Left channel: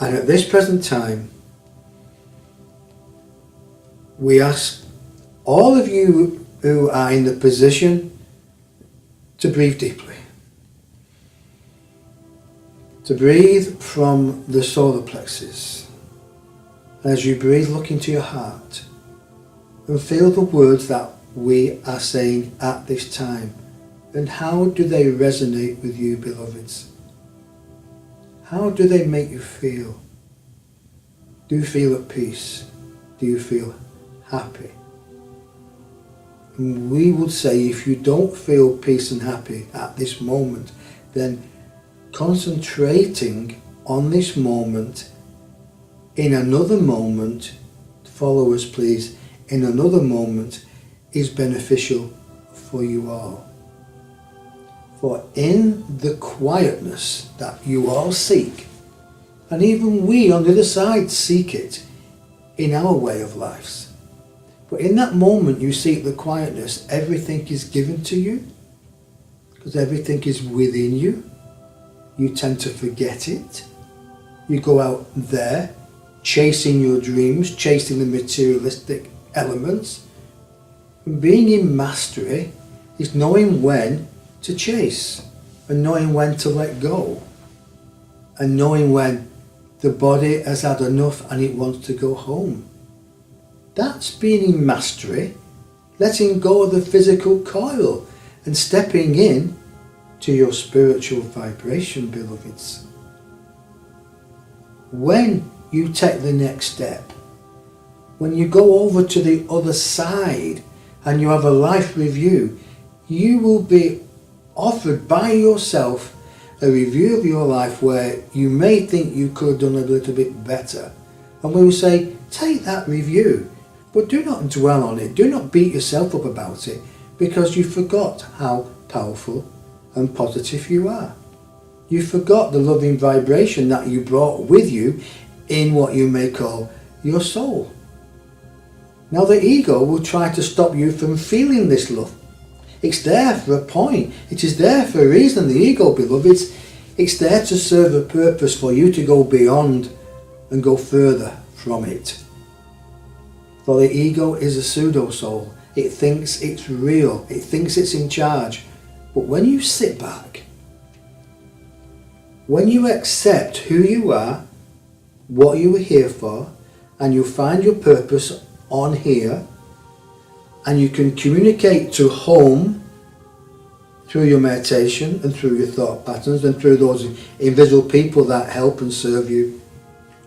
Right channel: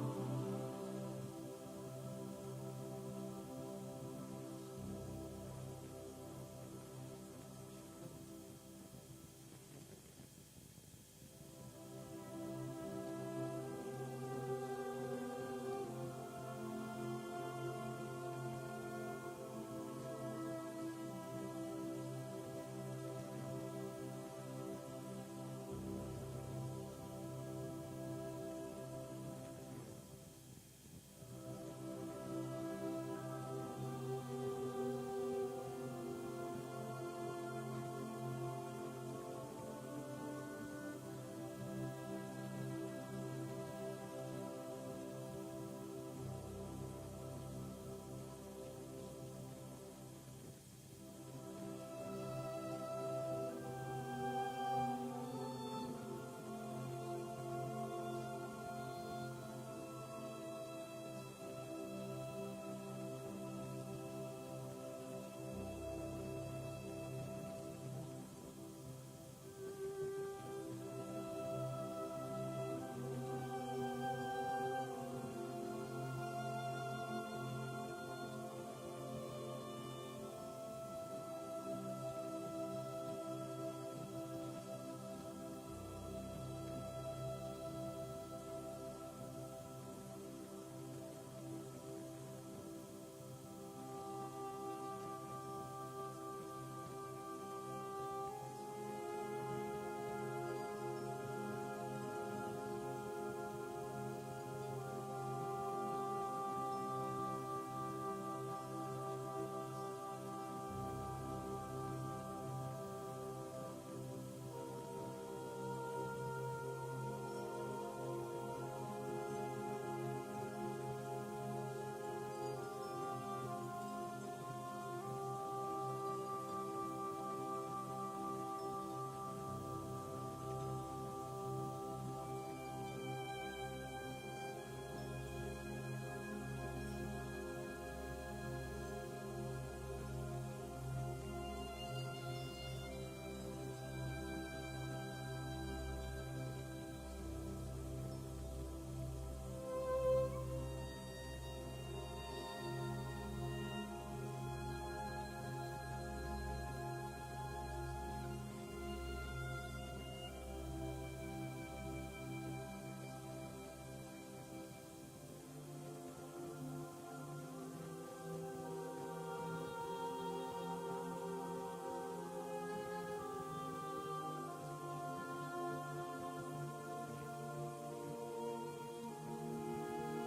And at this present time, we ask all of you who are in the position to breathe deeply. To breathe from the solar plexus. As you breathe, look into your heart and feel the words that we are saying at this time. And how do they resonate with you, beloveds? How do they make you feel? Do you feel at peace? Do you feel happy? And we would say, if you don't feel peace and happy at this moment, then concentrating on this moment in another moment, follow us please, in another moment is beneficial for you all. For in the quietness that you all seek, and even we on the other side seek it in our way of lives, but in that moment you seek the quietness, everything is given to you, because everything is within you. You tend to forget it. You go out there chasing your dreams, chasing the materialistic elements. And being in mastery is knowing when to chase and knowing when to let go and knowing when the body has had enough and it wants to go home. That's being in mastery, letting go of the physical coil and stepping in to your spiritual vibration, beloveds. When you take the next step, when you go over to the other side and you have a life review, you will be offered by yourself a review of your life where you may think you could have done a little bit better. And we will say, take that review, but do not dwell on it. Do not beat yourself up about it, because you forgot how powerful and positive you are. You forgot the loving vibration that you brought with you in what you may call your soul. Now the ego will try to stop you from feeling this love. It's there for a point. It is there for a reason, the ego, beloveds. It's there to serve a purpose for you to go beyond and go further from it. For the ego is a pseudo-soul. It thinks it's real. It thinks it's in charge. But when you sit back, when you accept who you are, what you were here for, and you find your purpose on here, and you can communicate to home through your meditation and through your thought patterns and through those invisible people that help and serve you.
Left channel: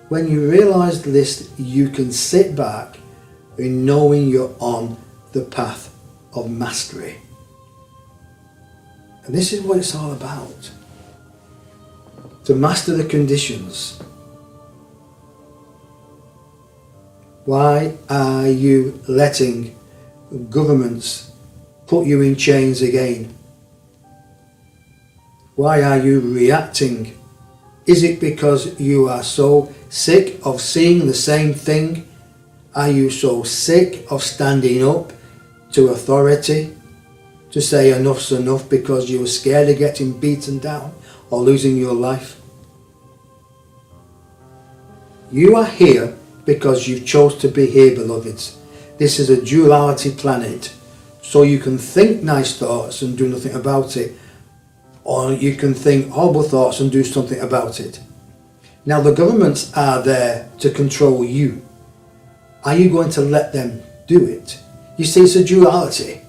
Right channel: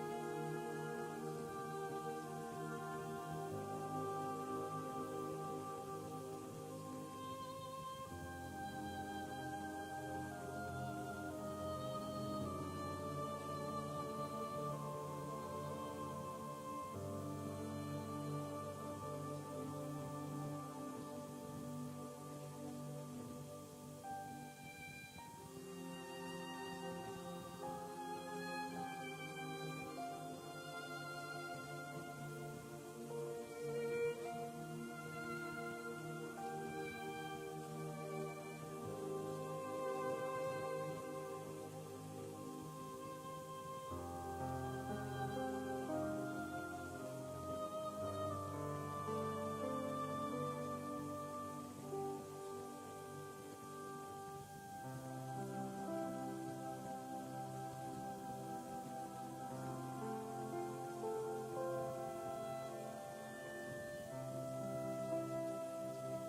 When you realise this, you can sit back in knowing you're on the path of mastery. And this is what it's all about. To master the conditions. Why are you letting governments put you in chains again? Why are you reacting? Is it because you are so sick of seeing the same thing? Are you so sick of standing up to authority to say enough's enough because you're scared of getting beaten down or losing your life? You are here because you chose to be here, beloveds. This is a duality planet, so you can think nice thoughts and do nothing about it, or you can think horrible thoughts and do something about it. Now the governments are there to control you. Are you going to let them do it? You see, it's a duality.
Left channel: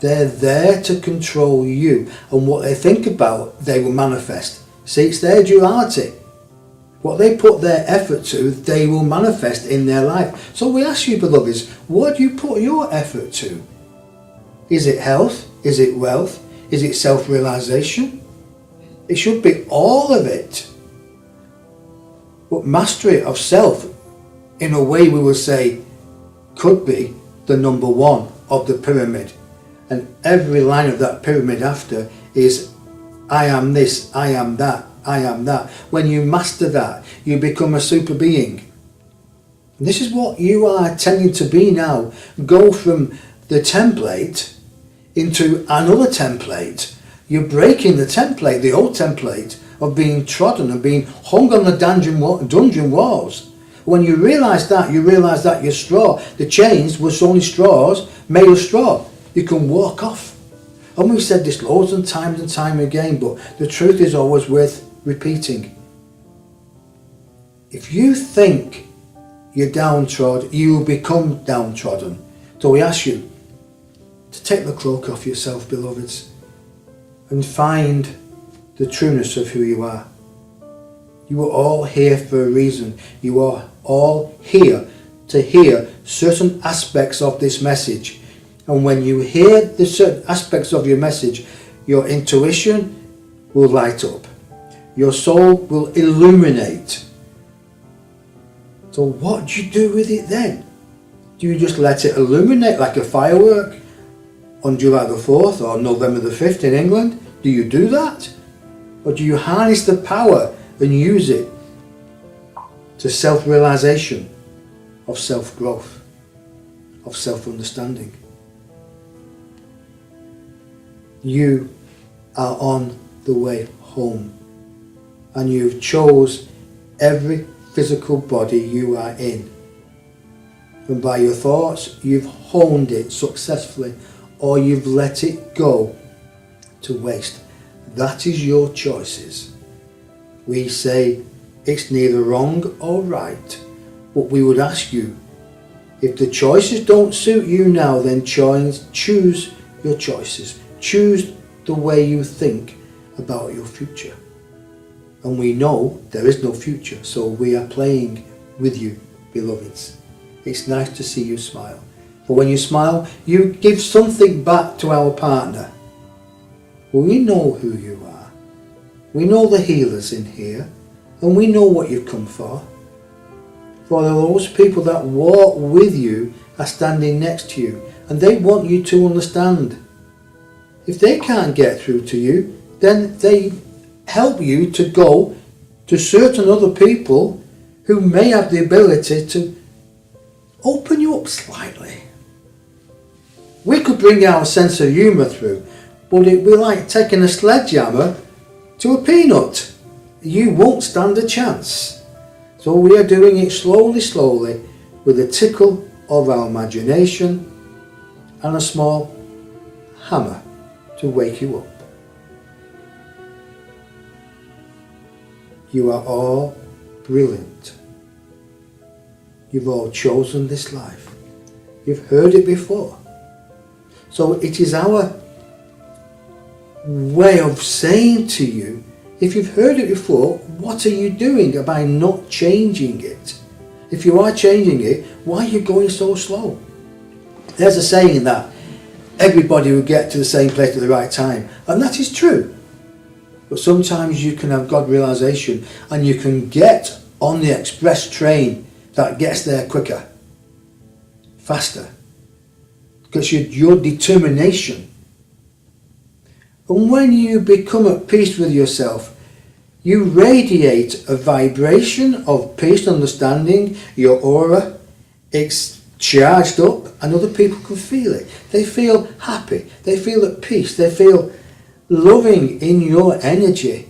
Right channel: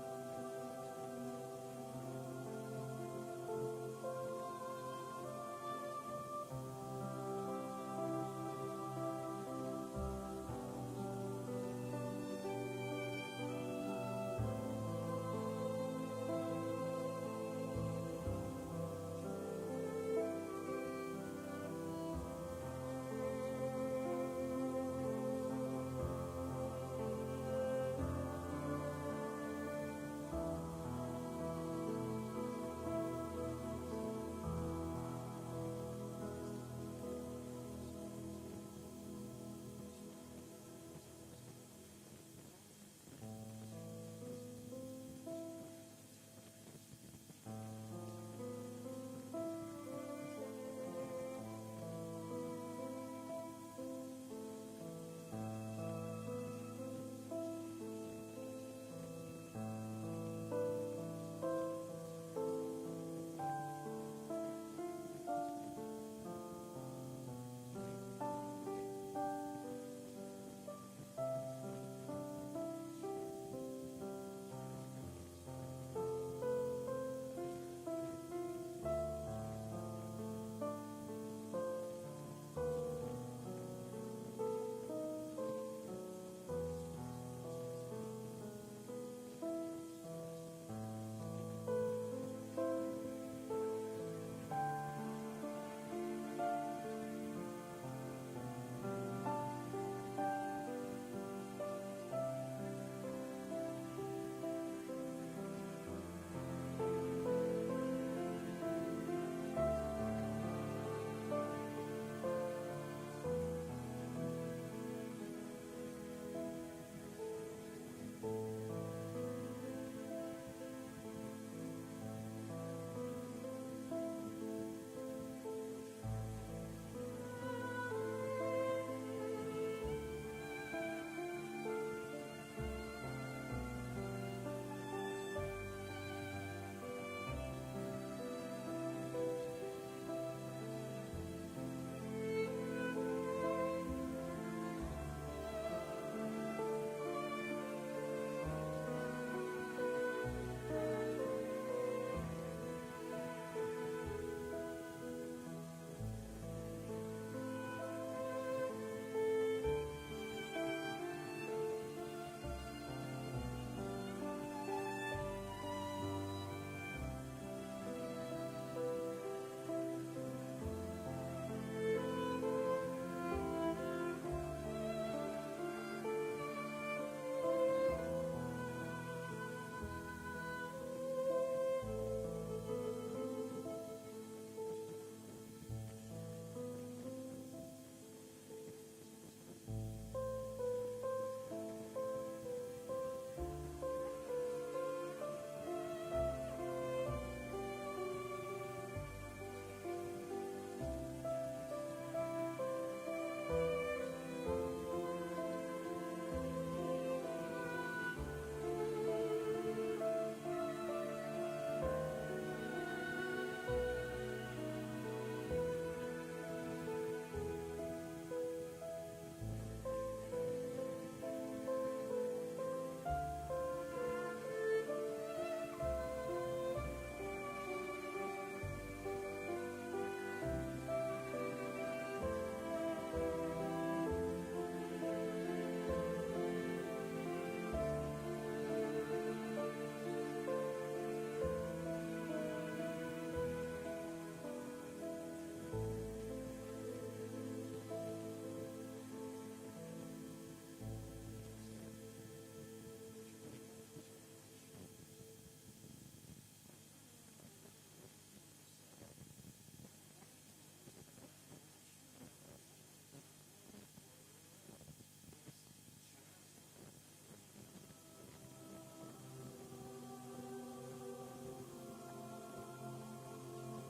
They're there to control you, and what they think about, they will manifest. See, it's their duality. What they put their effort to, they will manifest in their life. So we ask you, beloveds, what do you put your effort to? Is it health? Is it wealth? Is it self-realization? It should be all of it. But mastery of self, in a way we will say, could be the number one of the pyramid. And every line of that pyramid after is, I am this, I am that, I am that. When you master that, you become a super being. And this is what you are tending to be now. Go from the template into another template. You're breaking the template, the old template of being trodden and being hung on the dungeon walls. When you realise that, you realise that your straw, the chains was only straws made of straw. You can walk off. And we've said this loads and time again, but the truth is always worth repeating. If you think you're downtrodden, you will become downtrodden. So we ask you to take the cloak off yourself, beloveds, and find the trueness of who you are. You are all here for a reason. You are all here to hear certain aspects of this message. And when you hear the certain aspects of your message, your intuition will light up. Your soul will illuminate. So what do you do with it then? Do you just let it illuminate like a firework on July the 4th or November the 5th in England? Do you do that? Or do you harness the power and use it to self-realization of self-growth, of self-understanding? You are on the way home, and you've chose every physical body you are in. And by your thoughts, you've honed it successfully, or you've let it go to waste. That is your choices. We say it's neither wrong or right, but we would ask you, if the choices don't suit you now, then choose your choices. Choose the way you think about your future. And we know there is no future, so we are playing with you, beloveds. It's nice to see you smile. But when you smile, you give something back to our partner. Well, we know who you are. We know the healers in here, and we know what you've come for. For those people that walk with you are standing next to you, and they want you to understand. If they can't get through to you, then they help you to go to certain other people who may have the ability to open you up slightly. We could bring our sense of humour through, but it'd be like taking a sledgehammer to a peanut. You won't stand a chance. So we are doing it slowly, with a tickle of our imagination and a small hammer to wake you up. You are all brilliant. You've all chosen this life. You've heard it before. So it is our way of saying to you, if you've heard it before, what are you doing by not changing it? If you are changing it, why are you going so slow? There's a saying that everybody will get to the same place at the right time, and that is true. But sometimes you can have God realization and you can get on the express train that gets there quicker, faster, because your determination. And when you become at peace with yourself, you radiate a vibration of peace and understanding. Your aura, it's charged up, and other people can feel it. They feel happy, they feel at peace, they feel loving in your energy.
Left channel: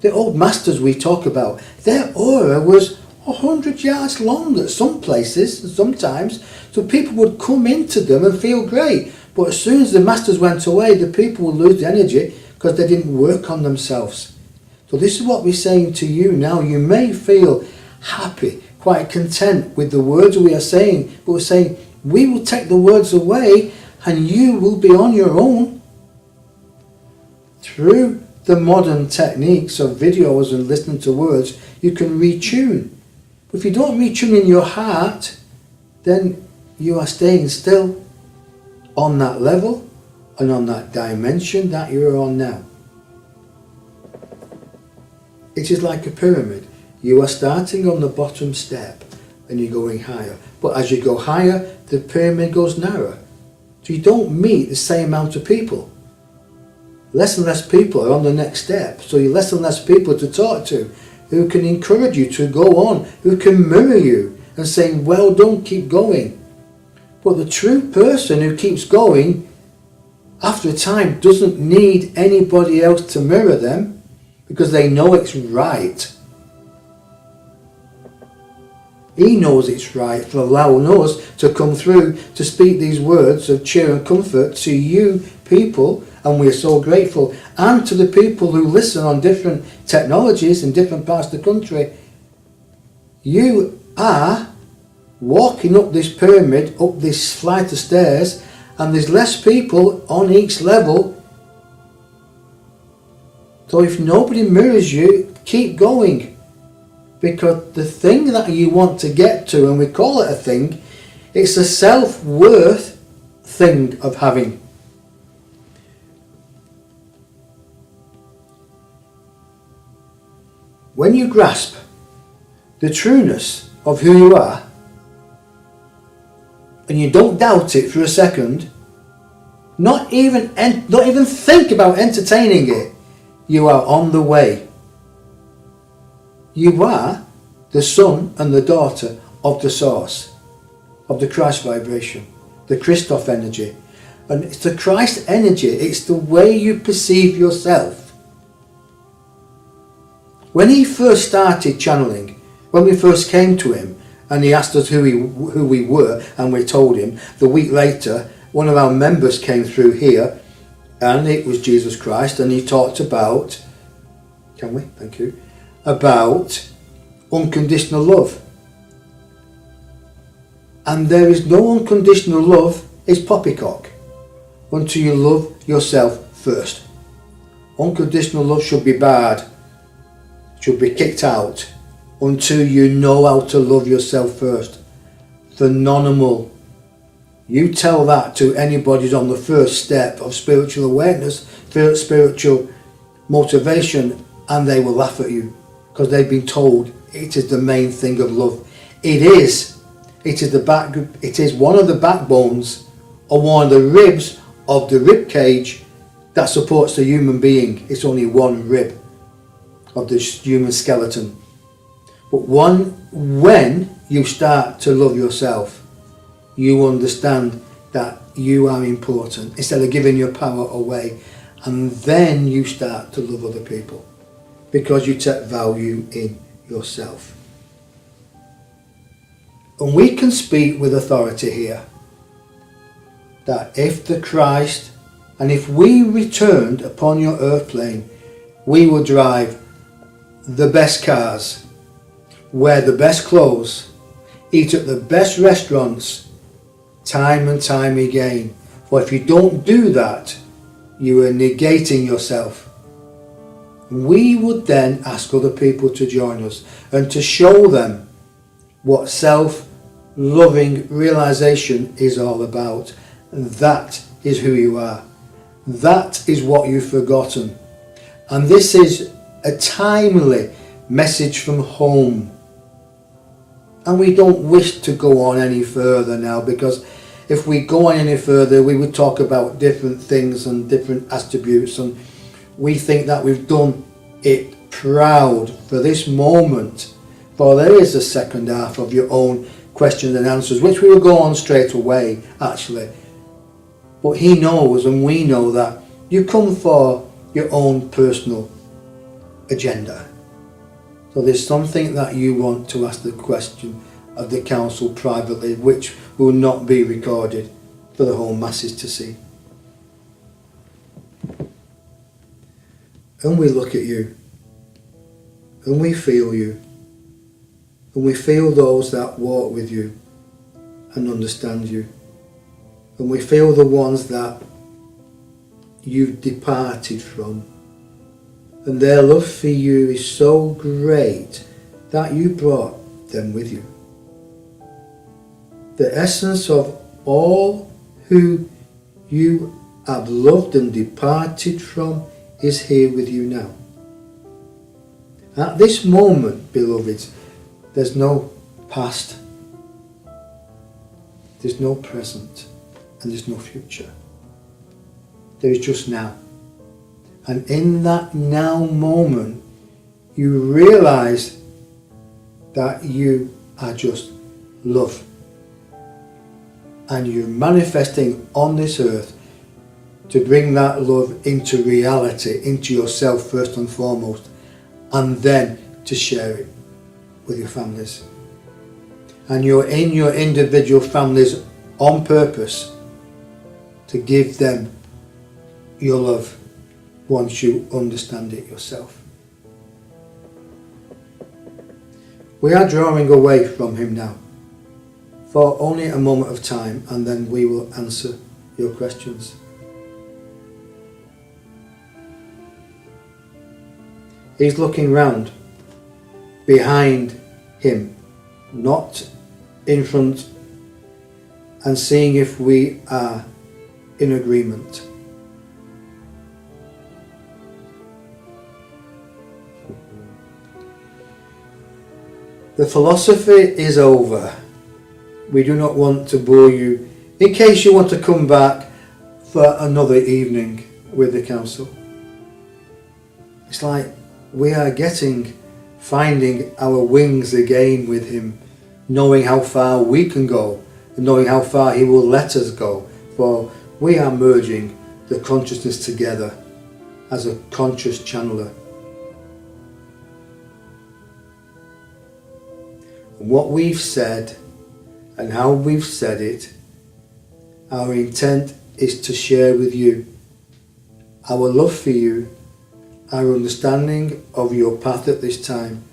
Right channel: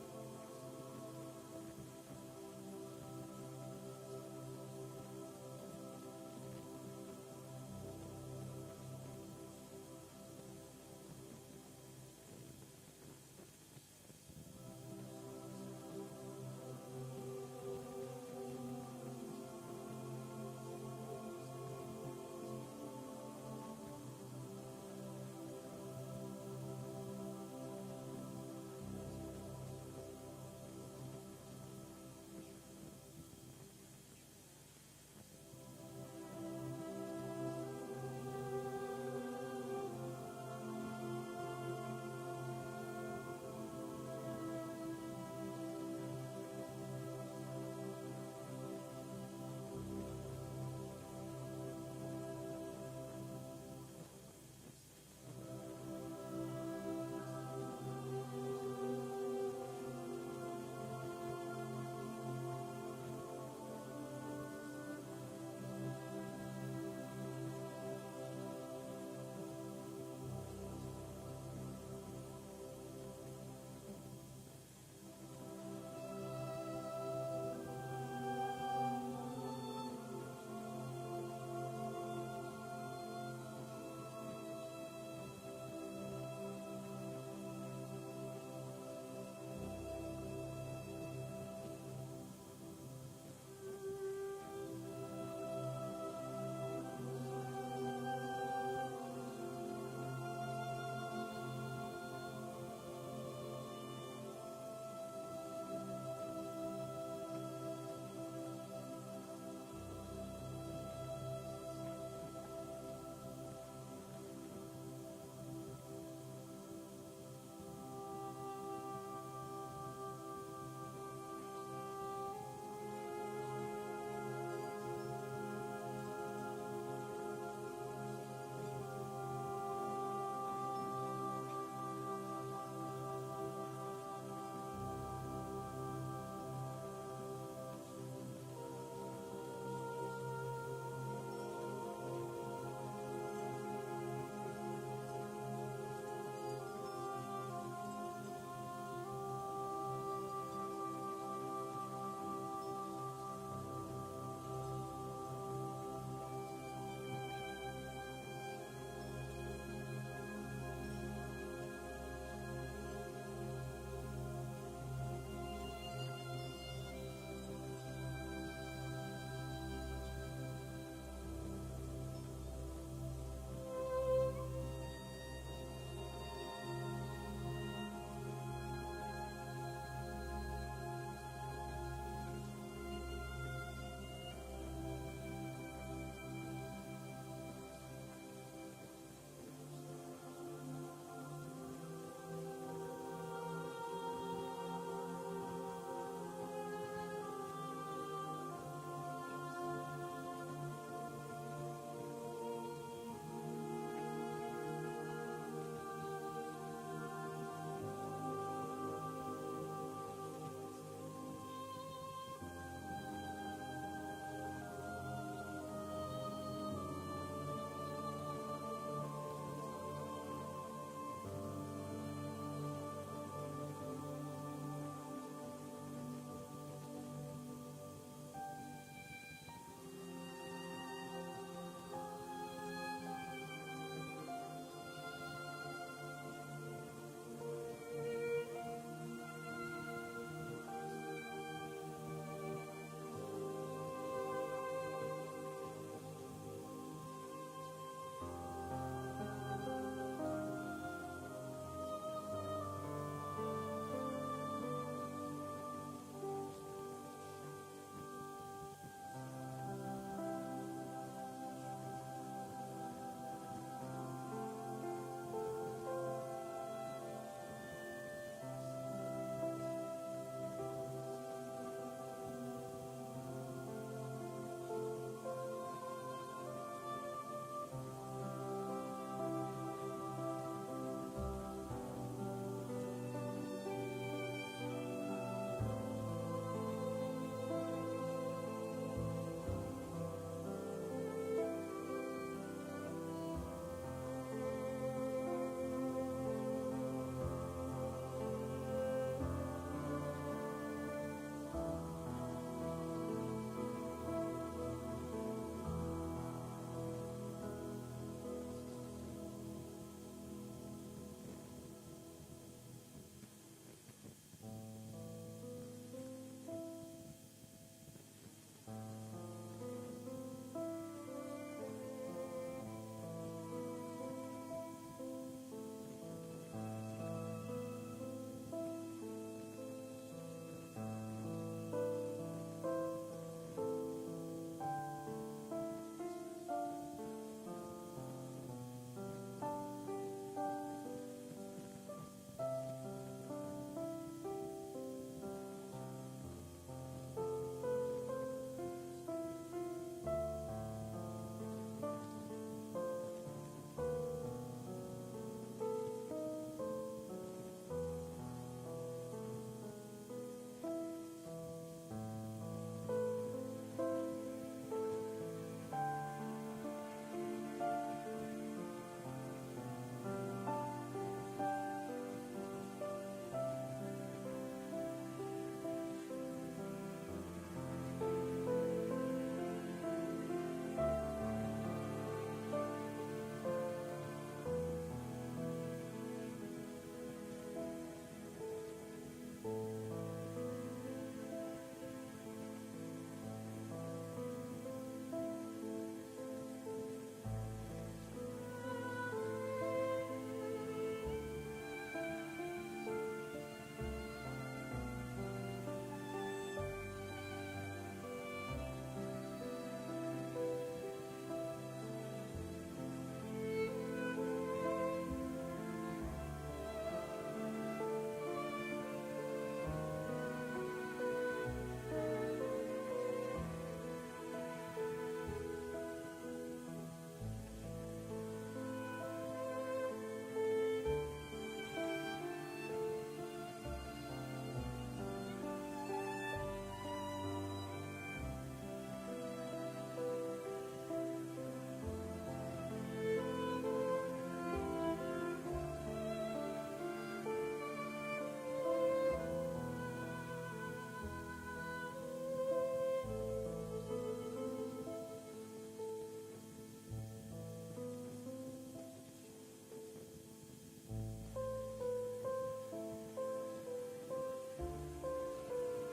The old masters we talk about, their aura was 100 yards long at some places and sometimes, so people would come into them and feel great. But as soon as the masters went away, the people would lose the energy because they didn't work on themselves. So this is what we're saying to you now. You may feel happy, quite content with the words we are saying, but we're saying we will take the words away and you will be on your own. Through the modern techniques of videos and listening to words, you can retune. But if you don't retune in your heart, then you are staying still on that level and on that dimension that you are on now. It is like a pyramid. You are starting on the bottom step and you're going higher. But as you go higher, the pyramid goes narrower. So you don't meet the same amount of people. Less and less people are on the next step. So you're less and less people to talk to who can encourage you to go on, who can mirror you and say, well done, keep going. But the true person who keeps going after a time doesn't need anybody else to mirror them because they know it's right. He knows it's right for allowing us to come through to speak these words of cheer and comfort to you people, and we are so grateful, and to the people who listen on different technologies in different parts of the country. You are walking up this pyramid, up this flight of stairs, and there's less people on each level. So if nobody mirrors you, keep going. Because the thing that you want to get to, and we call it a thing, it's a self-worth thing of having. When you grasp the trueness of who you are, and you don't doubt it for a second, not even think about entertaining it, you are on the way. You are the son and the daughter of the source, of the Christ vibration, the Christoph energy. And it's the Christ energy, it's the way you perceive yourself. When he first started channeling, when we first came to him, and he asked us who we were, and we told him, the week later, one of our members came through here, and it was Jesus Christ, and he talked about, about unconditional love. And there is no unconditional love, it's poppycock, until you love yourself first. Unconditional love should be barred, should be kicked out, until you know how to love yourself first. Phenomenal. You tell that to anybody who's on the first step of spiritual awareness, spiritual motivation, and they will laugh at you because they've been told it is the main thing of love. It is. It is one of the backbones or one of the ribs of the rib cage that supports the human being. It's only one rib of the human skeleton. But when you start to love yourself, you understand that you are important instead of giving your power away, and then you start to love other people because you take value in yourself. And we can speak with authority here that if the Christ, and if we returned upon your earth plane, we would drive the best cars, wear the best clothes, eat at the best restaurants, time and time again. For if you don't do that, you are negating yourself. We would then ask other people to join us and to show them what self-loving realization is all about. And that is who you are. That is what you've forgotten. And this is a timely message from home. And we don't wish to go on any further now, because if we go on any further we would talk about different things and different attributes, and we think that we've done it proud for this moment, for there is a second half of your own questions and answers which we will go on straight away actually. But he knows and we know that you come for your own personal agenda. So there's something that you want to ask the question of the council privately, which will not be recorded for the whole masses to see. And we look at you, and we feel you, and we feel those that walk with you and understand you, and we feel the ones that you've departed from. And their love for you is so great that you brought them with you. The essence of all who you have loved and departed from is here with you now. At this moment, beloveds, there's no past, there's no present, and there's no future. There is just now. And in that now moment, you realize that you are just love. And you're manifesting on this earth to bring that love into reality, into yourself first and foremost, and then to share it with your families. And you're in your individual families on purpose to give them your love once you understand it yourself. We are drawing away from him now for only a moment of time, and then we will answer your questions. He's looking round behind him, not in front, and seeing if we are in agreement. The philosophy is over. We do not want to bore you in case you want to come back for another evening with the council. It's like we are finding our wings again with him, knowing how far we can go, and knowing how far he will let us go, for we are merging the consciousness together as a conscious channeler. What we've said and how we've said it, our intent is to share with you our love for you, our understanding of your path at this time,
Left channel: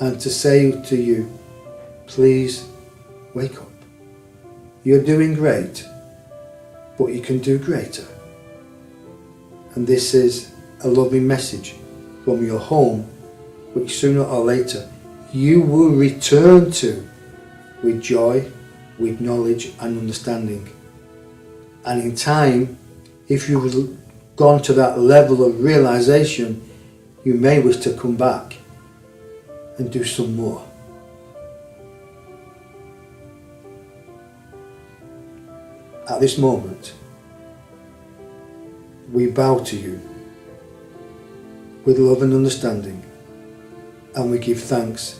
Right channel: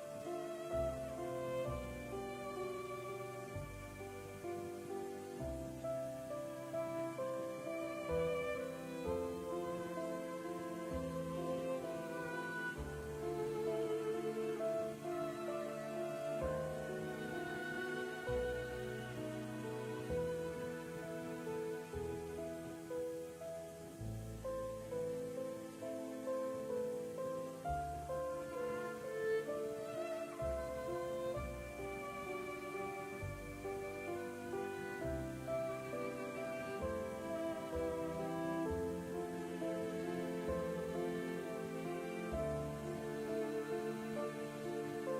and to say to you, please wake up. You're doing great, but you can do greater. And this is a loving message from your home, which sooner or later you will return to with joy, with knowledge and understanding. And in time, if you've gone to that level of realization, you may wish to come back and do some more. At this moment, we bow to you with love and understanding, and we give thanks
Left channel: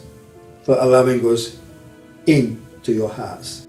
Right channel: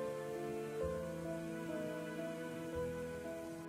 for allowing us into your hearts.